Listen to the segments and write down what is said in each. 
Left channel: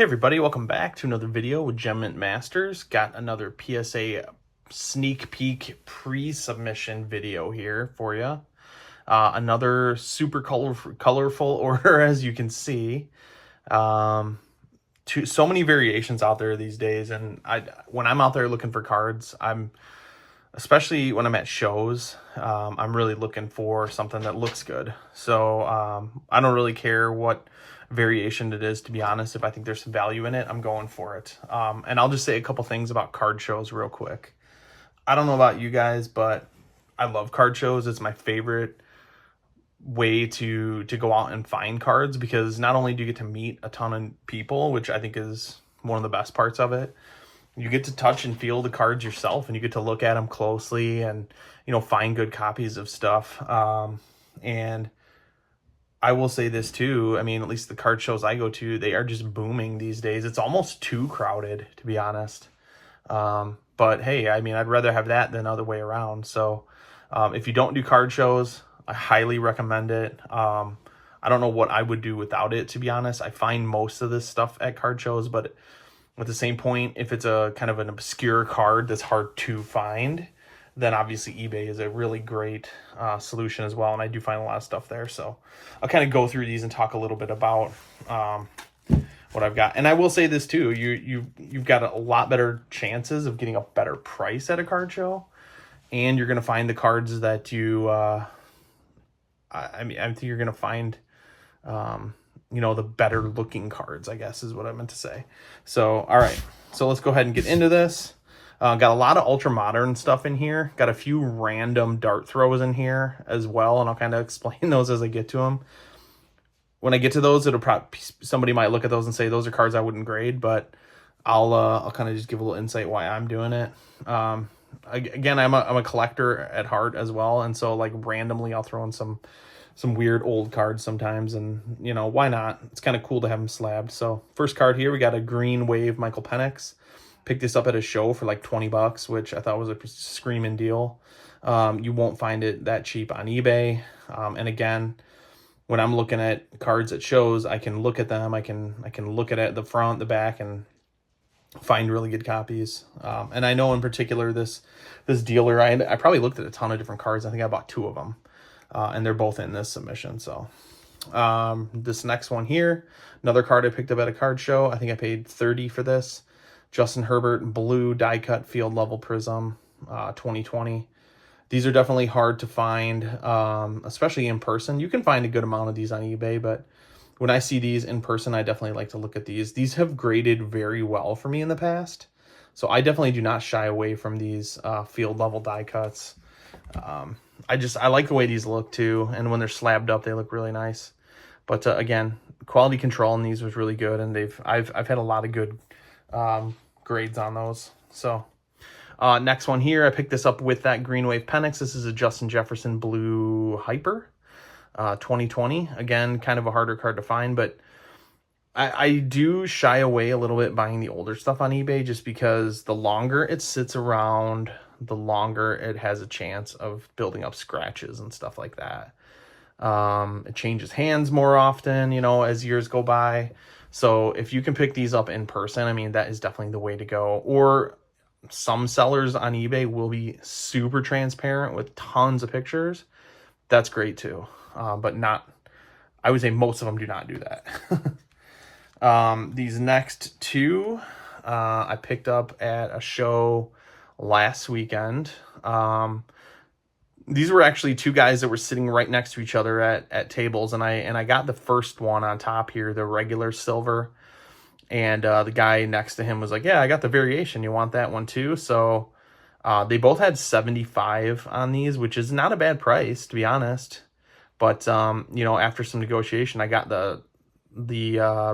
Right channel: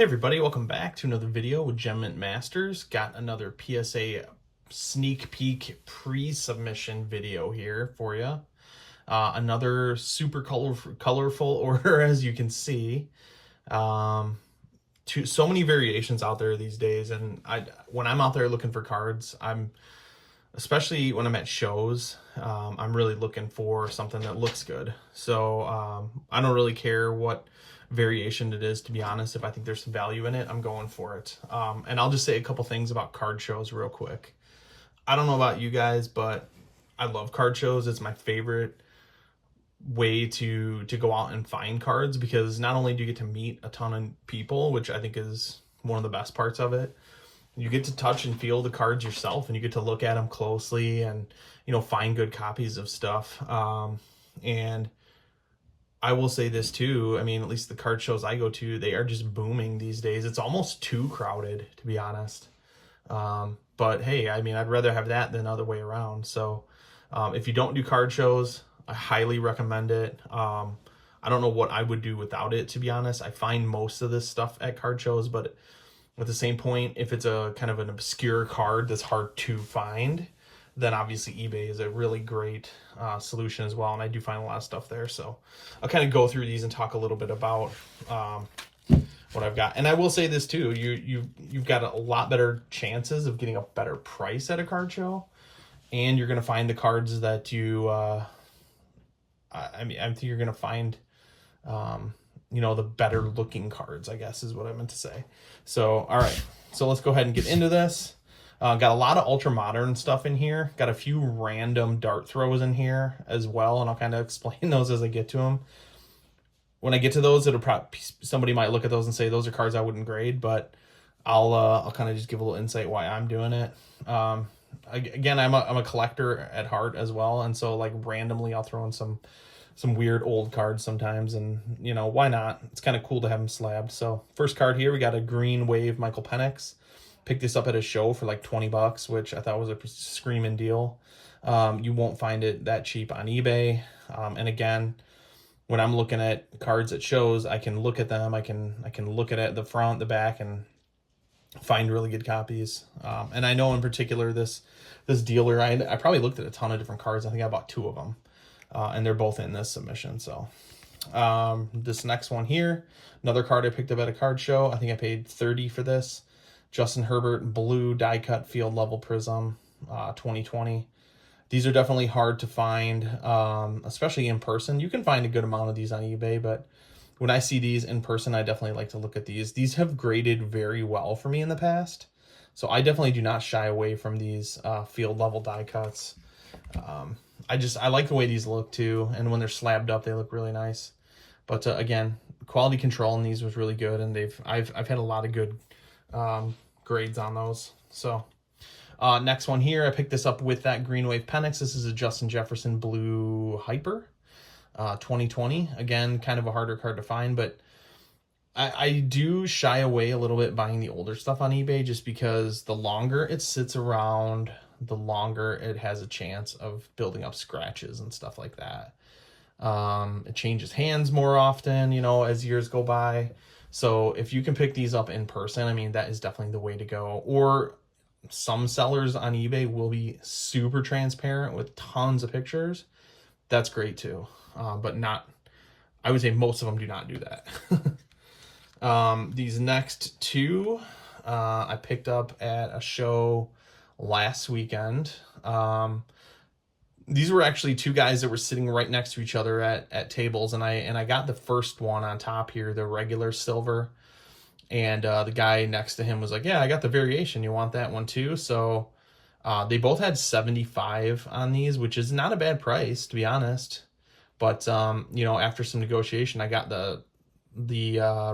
Hey everybody, welcome back to another video with Gem Mint Masters. Got another PSA sneak peek pre-submission video here for you. Another super colorful order, as you can see. So many variations out there these days, and when I'm out there looking for cards, especially when I'm at shows, I'm really looking for something that looks good. So I don't really care what variation it is, to be honest. If I think there's some value in it, I'm going for it. And I'll just say a couple things about card shows real quick. I don't know about you guys, but I love card shows. It's my favorite way to go out and find cards, because not only do you get to meet a ton of people, which I think is one of the best parts of it, you get to touch and feel the cards yourself, and you get to look at them closely and, find good copies of stuff. And I will say this too, I mean, at least the card shows I go to, they are just booming these days. It's almost too crowded, to be honest. But hey, I mean, I'd rather have that than other way around. So if you don't do card shows, I highly recommend it. I don't know what I would do without it, to be honest. I find most of this stuff at card shows, but at the same point, if it's a kind of an obscure card that's hard to find, then obviously eBay is a really great solution as well. And I do find a lot of stuff there. So I'll kind of go through these and talk a little bit about what I've got. And I will say this too, you've got a lot better chances of getting a better price at a card show. And you're going to find the cards that you, I think you're going to find, the better looking cards, I guess is what I meant to say. So, all right. So let's go ahead and get into this. Got a lot of ultra modern stuff in here. Got a few random dart throws in here as well, and I'll kind of explain those as I get to them. When I get to those, it'll probably, somebody might look at those and say those are cards I wouldn't grade, but I'll kind of just give a little insight why I'm doing it. Again, I'm a collector at heart as well, and so like randomly I'll throw in some weird old cards sometimes, and why not? It's kind of cool to have them slabbed. So first card here, we got a green wave Michael Penix. Picked this up at a show for like 20 bucks, which I thought was a screaming deal. You won't find it that cheap on eBay. And again, when I'm looking at cards at shows, I can look at them. I can look at it, the front, the back, and find really good copies. And I know in particular this dealer, I probably looked at a ton of different cards. I think I bought 2 of them, and they're both in this submission. So this next one here, another card I picked up at a card show. I think I paid $30 for this. Justin Herbert blue die cut field level prism 2020. These are definitely hard to find, especially in person. You can find a good amount of these on eBay, but when I see these in person, I definitely like to look at these. These have graded very well for me in the past, so I definitely do not shy away from these field level die cuts. I like the way these look too, and when they're slabbed up, they look really nice. But again, quality control in these was really good, and I've had a lot of good grades on those. So next one here, I picked this up with that green wave Penix. This is a Justin Jefferson blue hyper 2020. Again, kind of a harder card to find, but I do shy away a little bit buying the older stuff on eBay, just because the longer it sits around, the longer it has a chance of building up scratches and stuff like that. It changes hands more often, as years go by. So if you can pick these up in person, I mean, that is definitely the way to go. Or some sellers on eBay will be super transparent with tons of pictures. That's great too. But I would say most of them do not do that. These next 2, I picked up at a show last weekend. These were actually 2 guys that were sitting right next to each other at tables, and I got the first one on top here, the regular silver, and the guy next to him was like, yeah, I got the variation, you want that one too? So they both had 75 on these, which is not a bad price, to be honest. But after some negotiation, I got the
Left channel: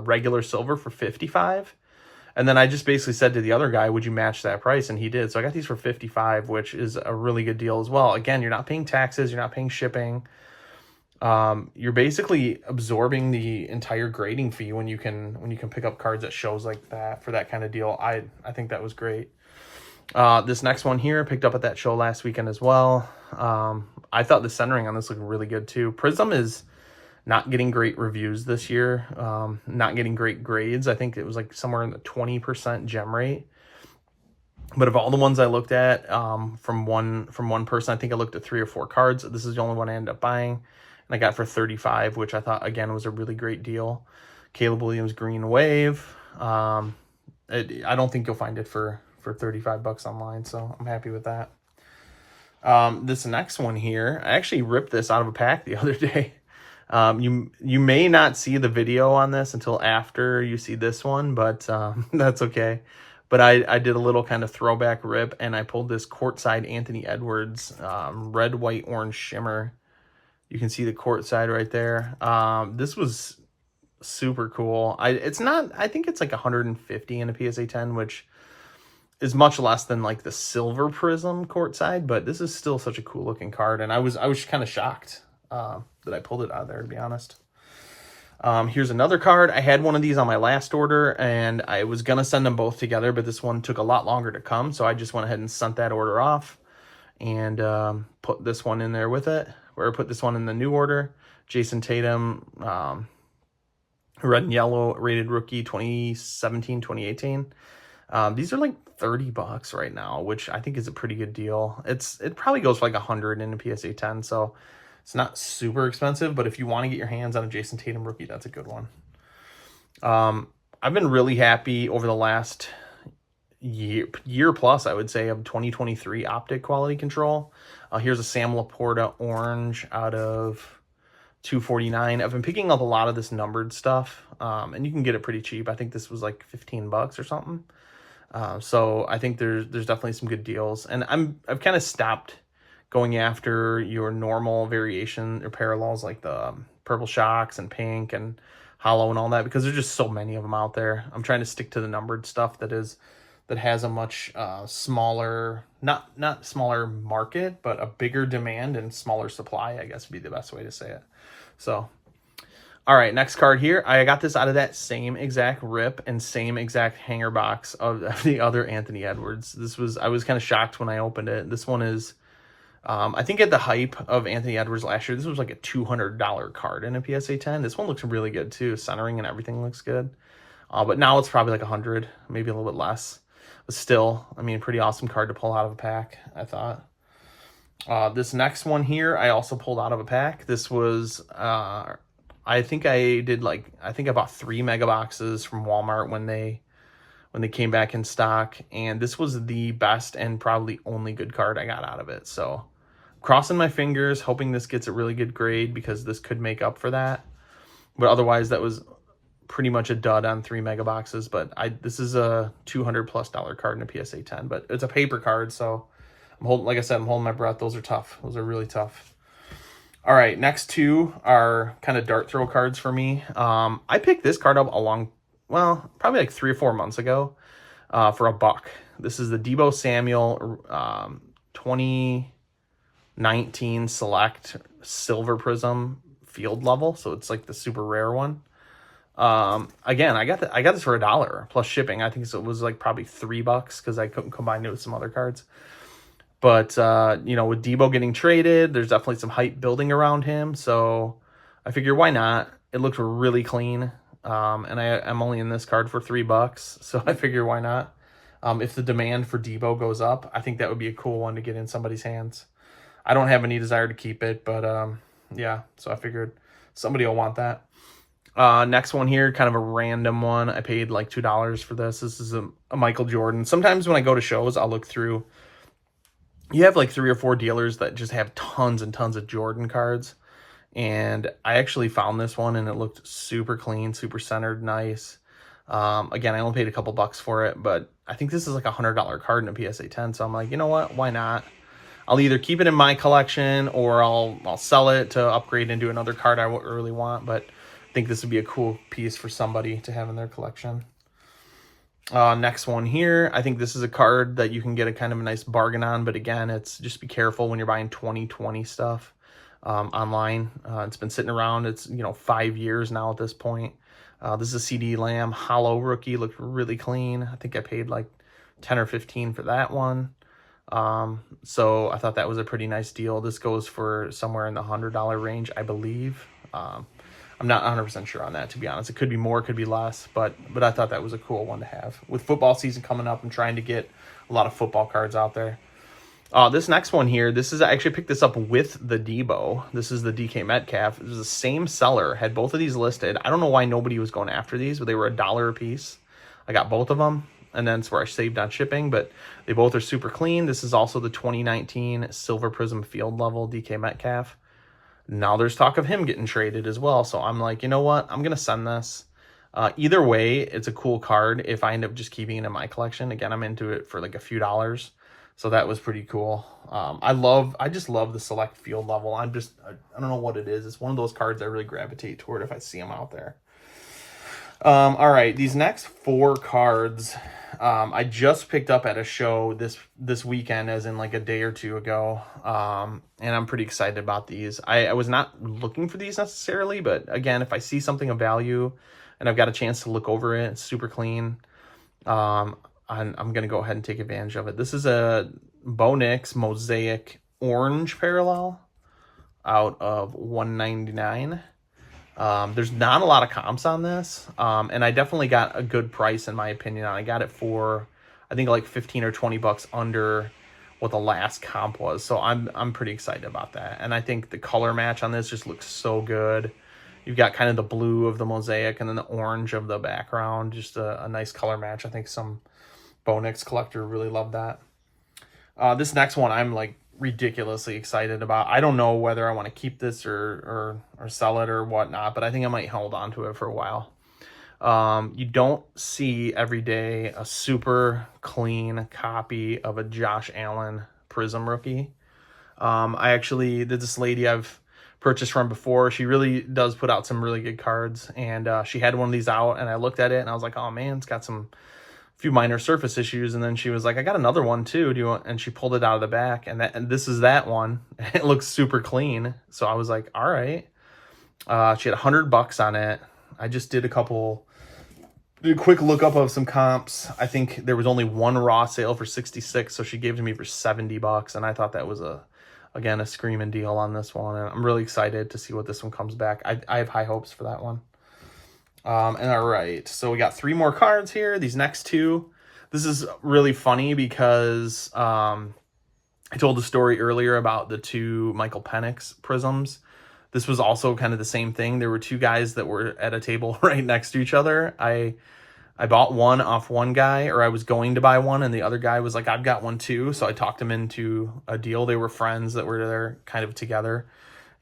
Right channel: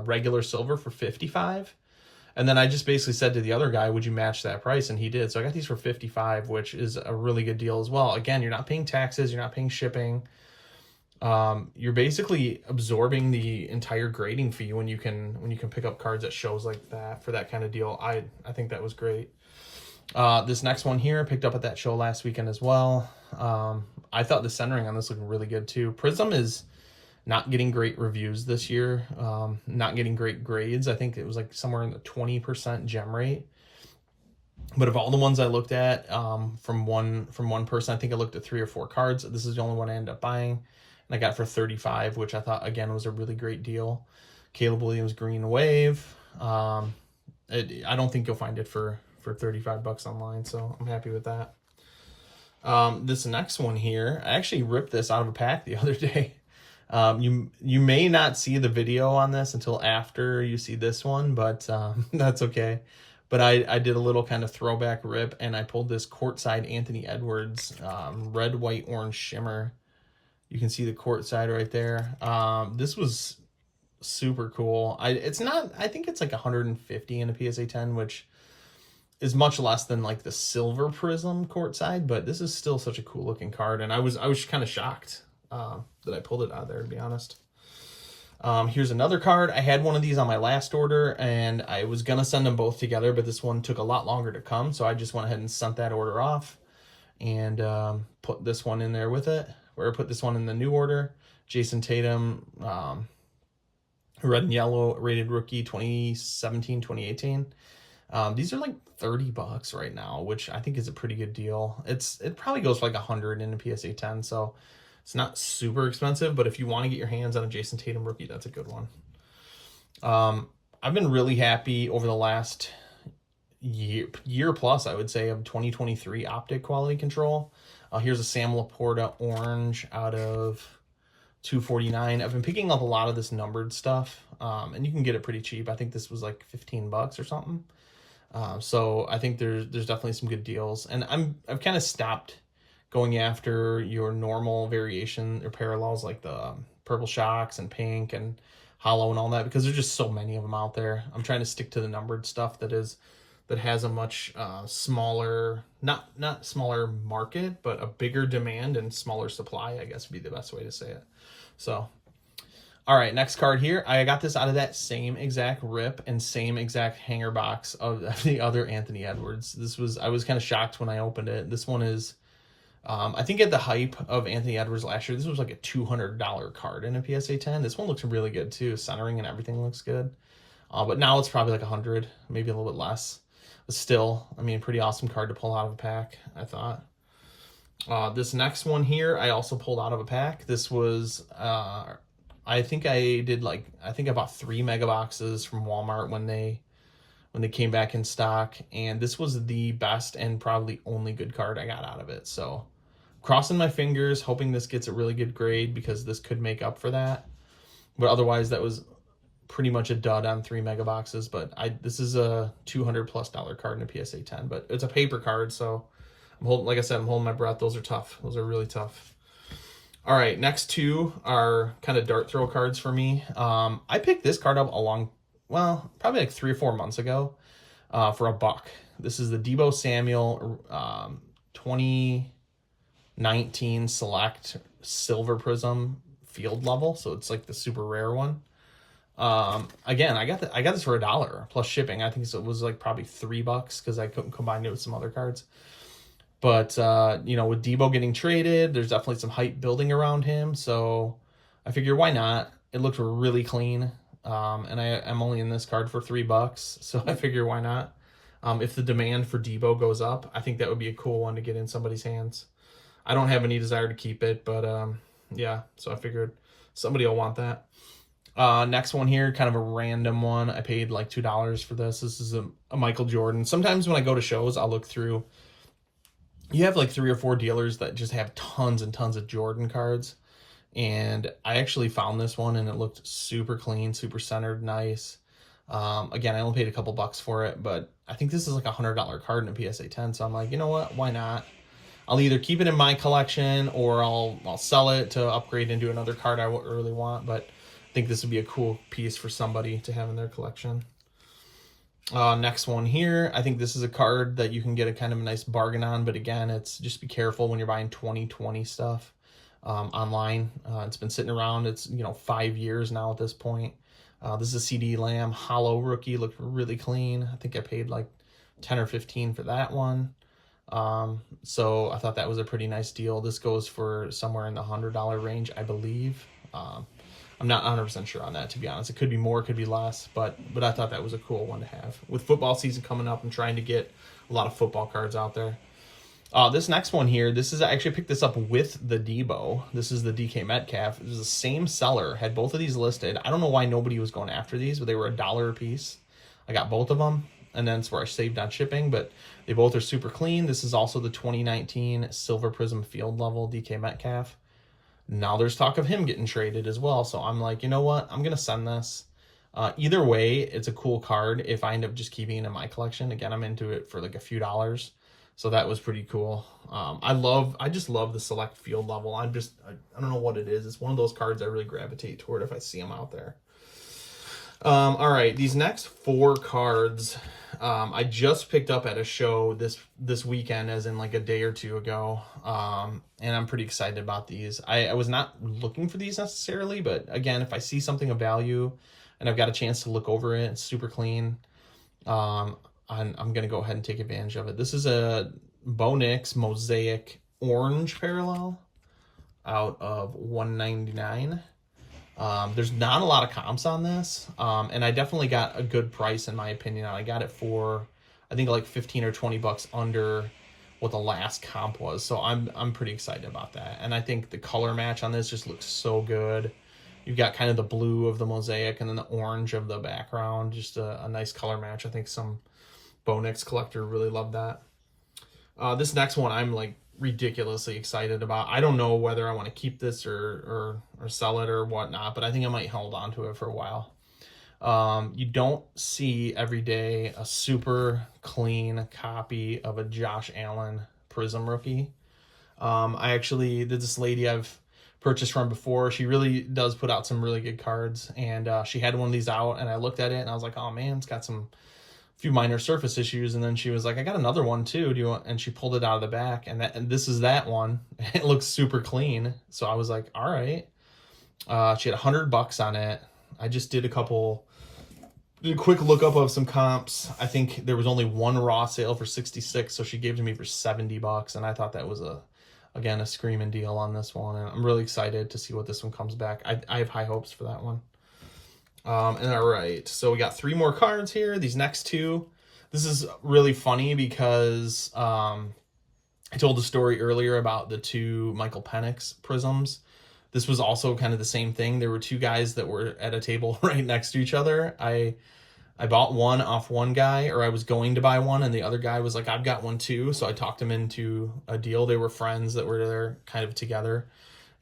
regular silver for 55. And then I just basically said to the other guy, would you match that price? And he did. So I got these for 55, which is a really good deal as well. Again, you're not paying taxes. You're not paying shipping. You're basically absorbing the entire grading fee when you can pick up cards at shows like that for that kind of deal. I think that was great. This next one here, I picked up at that show last weekend as well. I thought the centering on this looked really good too. Prism is not getting great reviews this year, not getting great grades. I think it was like somewhere in the 20% gem rate. But of all the ones I looked at, from one person, I think I looked at 3 or 4 cards. This is the only one I ended up buying, and I got for 35, which I thought again was a really great deal. Caleb Williams Green Wave. I don't think you'll find it for 35 bucks online, so I'm happy with that. This next one here, I actually ripped this out of a pack the other day. You may not see the video on this until after you see this one, but that's okay. But I did a little kind of throwback rip, and I pulled this courtside Anthony Edwards red, white, orange shimmer. You can see the courtside right there. This was super cool. I think it's like 150 in a PSA 10, which is much less than like the silver prism courtside, but this is still such a cool looking card, and I was kind of shocked that I pulled it out of there, to be honest. Here's another card. I had one of these on my last order, and I was gonna send them both together, but this one took a lot longer to come, so I just went ahead and sent that order off and put this one in there with it, or put this one in the new order. Jayson Tatum, red and yellow rated rookie 2017-2018. These are like 30 bucks right now, which I think is a pretty good deal. It probably goes for like 100 in a PSA 10, so it's not super expensive, but if you want to get your hands on a Jayson Tatum rookie, that's a good one. I've been really happy over the last year plus, I would say, of 2023 optic quality control. Here's a Sam Laporta orange out of 249. I've been picking up a lot of this numbered stuff, and you can get it pretty cheap. I think this was like 15 bucks or something. So I think there's definitely some good deals, and I've kind of stopped going after your normal variation or parallels like the purple shocks and pink and hollow and all that, because there's just so many of them out there. I'm trying to stick to the numbered stuff that has a much smaller, not smaller market, but a bigger demand and smaller supply, I guess would be the best way to say it. So, all right, next card here. I got this out of that same exact rip and same exact hanger box of the other Anthony Edwards. I was kind of shocked when I opened it. This one is, I think at the hype of Anthony Edwards last year, this was like a $200 card in a PSA 10. This one looks really good too. Centering and everything looks good. But now it's probably like 100, maybe a little bit less. But still, I mean, pretty awesome card to pull out of a pack, I thought. This next one here, I also pulled out of a pack. This was, I think I bought 3 mega boxes from Walmart when they came back in stock, and this was the best and probably only good card I got out of it. So crossing my fingers, hoping this gets a really good grade, because this could make up for that. But otherwise, that was pretty much a dud on 3 mega boxes. But this is a $200+ card in a PSA 10, but it's a paper card, so like I said, I'm holding my breath. Those are tough. Those are really tough. All right, next two are kind of dart throw cards for me. I picked this card up probably like 3 or 4 months ago for $1. This is the Deebo Samuel 2019 Select Silver Prism Field Level. So it's like the super rare one. Again, I got this for $1 plus shipping. I think it was like probably $3 because I couldn't combine it with some other cards. But, with Deebo getting traded, there's definitely some hype building around him. So I figure, why not? It looks really clean. And I'm only in this card for $3. So I figure, why not? If the demand for Deebo goes up, I think that would be a cool one to get in somebody's hands. I don't have any desire to keep it, but yeah. So I figured somebody will want that. Next one here, kind of a random one. I paid like $2 for this. This is a Michael Jordan. Sometimes when I go to shows, I'll look through. You have like 3 or 4 dealers that just have tons and tons of Jordan cards. And I actually found this one, and it looked super clean, super centered, nice. Again, I only paid a couple bucks for it, but I think this is like a $100 card in a PSA 10. So I'm like, you know what? Why not? I'll either keep it in my collection, or I'll sell it to upgrade into another card I really want. But I think this would be a cool piece for somebody to have in their collection. Next one here. I think this is a card that you can get a kind of a nice bargain on, but again, it's just be careful when you're buying 2020 stuff online. It's been sitting around. It's 5 years now at this point. This is a CD Lamb hollow rookie. Looked really clean. I think I paid like 10 or 15 for that one. So I thought that was a pretty nice deal. This goes for somewhere in the $100 range, I believe. I'm not 100% sure on that, to be honest. It could be more, it could be less, but I thought that was a cool one to have. With football season coming up, I'm trying to get a lot of football cards out there. This next one here, this is, I actually picked this up with the Debo. This is the DK Metcalf. It was the same seller, had both of these listed. I don't know why nobody was going after these, but they were $1 a piece. I got both of them, and then it's where I saved on shipping, but they both are super clean. This is also the 2019 Silver Prism Field Level DK Metcalf. Now there's talk of him getting traded as well. So I'm like, you know what? I'm going to send this. Either way, it's a cool card if I end up just keeping it in my collection. Again, I'm into it for like a few dollars. So that was pretty cool. I just love the select field level. I don't know what it is. It's one of those cards I really gravitate toward if I see them out there. All right, these next 4 cards, I just picked up at a show this weekend, as in like a day or two ago. And I'm pretty excited about these. I was not looking for these necessarily, but again, if I see something of value and I've got a chance to look over it, it's super clean. I'm going to go ahead and take advantage of it. This is a Penix Mosaic Orange Parallel out of 199. There's not a lot of comps on this, and I definitely got a good price in my opinion. I got it for, I think, like 15 or 20 bucks under what the last comp was. So I'm pretty excited about that. And I think the color match on this just looks so good. You've got kind of the blue of the Mosaic and then the orange of the background. Just a nice color match. I think some Penix collector really loved that. This next one I'm like ridiculously excited about. I don't know whether I want to keep this or sell it or whatnot, but I think I might hold on to it for a while. You don't see every day a super clean copy of a Josh Allen Prism rookie. I actually did this lady I've purchased from before. She really does put out some really good cards, and she had one of these out, and I looked at it and I was like, oh man, it's got some few minor surface issues. And then she was like, I got another one too. Do you want? And she pulled it out of the back, and this is that one. It looks super clean. So I was like, all right. She had $100 on it. I just did a quick look up of some comps. I think there was only one raw sale for 66, so she gave it to me for $70, and I thought that was again a screaming deal on this one, and I'm really excited to see what this one comes back. I have high hopes for that one. And all right, so we got 3 more cards here. These next 2, this is really funny because I told the story earlier about the 2 Michael Penix prisms. This was also kind of the same thing. There were 2 guys that were at a table right next to each other. I bought one off one guy, or I was going to buy one, and the other guy was like, I've got one too. So I talked him into a deal. They were friends that were there kind of together.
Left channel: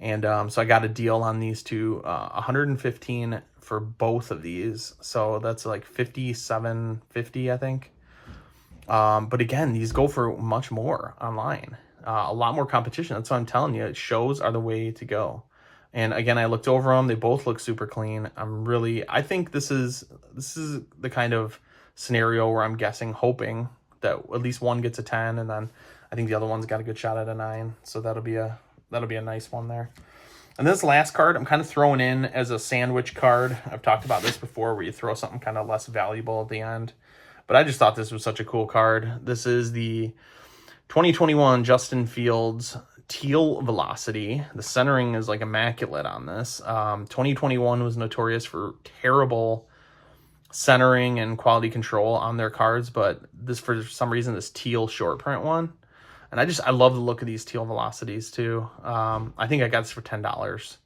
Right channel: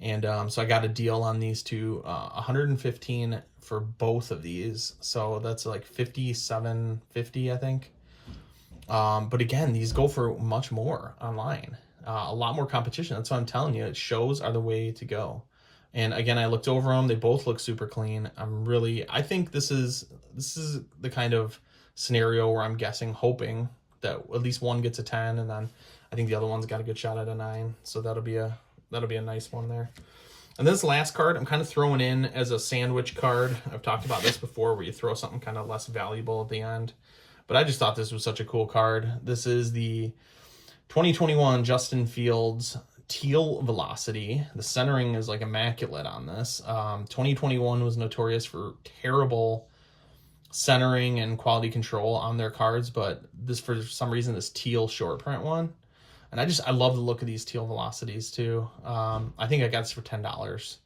And so I got a deal on these 2, $115 for both of these. So that's like $57.50, I think. But again, these go for much more online. A lot more competition. That's what I'm telling you. Shows are the way to go. And again, I looked over them. They both look super clean. I think this is the kind of scenario where I'm hoping that at least one gets a 10, and then I think the other one's got a good shot at a 9. So that'll be a nice one there. And this last card I'm kind of throwing in as a sandwich card. I've talked about this before, where you throw something kind of less valuable at the end. But I just thought this was such a cool card. This is the 2021 Justin Fields Teal Velocity. The centering is like immaculate on this. 2021 was notorious for terrible centering and quality control on their cards, but this, for some reason, this teal short print one. And I love the look of these Teal Velocities too. I think I got this for $10.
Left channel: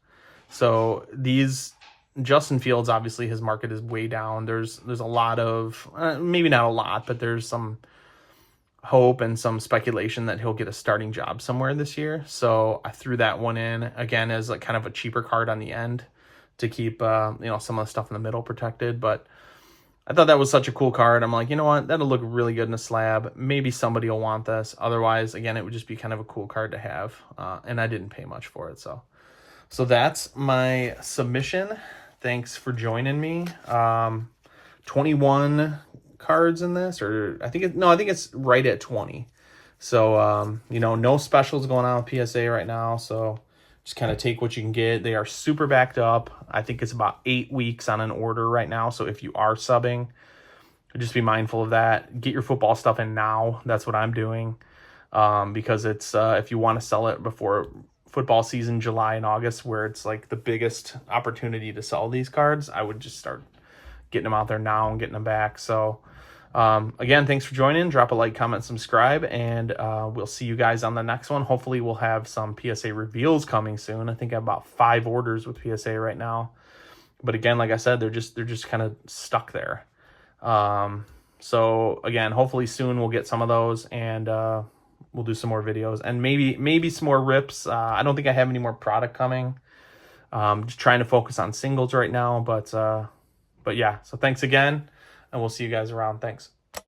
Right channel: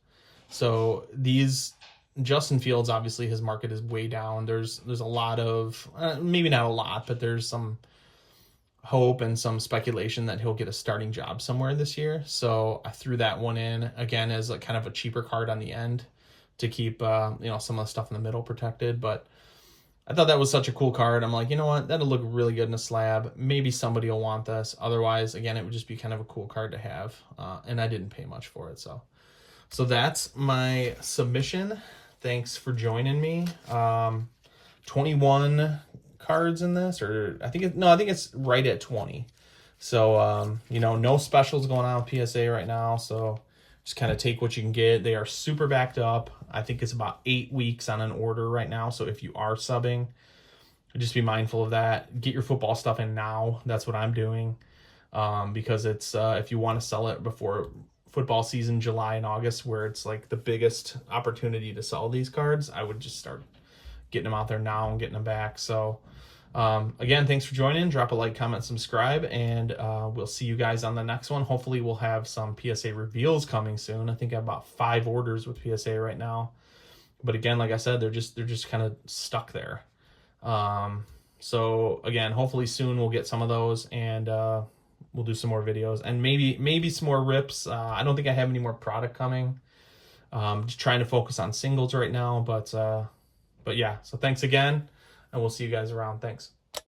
So these Justin Fields, obviously his market is way down. There's a lot of, maybe not a lot, but there's some hope and some speculation that he'll get a starting job somewhere this year. So I threw that one in again as like kind of a cheaper card on the end to keep some of the stuff in the middle protected. But I thought that was such a cool card. I'm like, you know what? That'll look really good in a slab. Maybe somebody will want this. Otherwise, again, it would just be kind of a cool card to have. And I didn't pay much for it. So that's my submission. Thanks for joining me. 21 cards in this, or I think it's right at 20. So, no specials going on with PSA right now. So just kind of take what you can get. They are super backed up. I think it's about 8 weeks on an order right now. So if you are subbing, just be mindful of that. Get your football stuff in now. That's what I'm doing. Because it's, if you want to sell it before football season, July and August, where it's like the biggest opportunity to sell these cards, I would just start getting them out there now and getting them back. So again, thanks for joining. Drop a like, comment, subscribe, and we'll see you guys on the next one. Hopefully we'll have some PSA reveals coming soon. I think I have about 5 orders with PSA right now. But again, like I said, they're just kind of stuck there. So again, hopefully soon we'll get some of those, and we'll do some more videos and maybe some more rips. I don't think I have any more product coming. Just trying to focus on singles right now, but yeah. So thanks again, and we'll see you guys around. Thanks.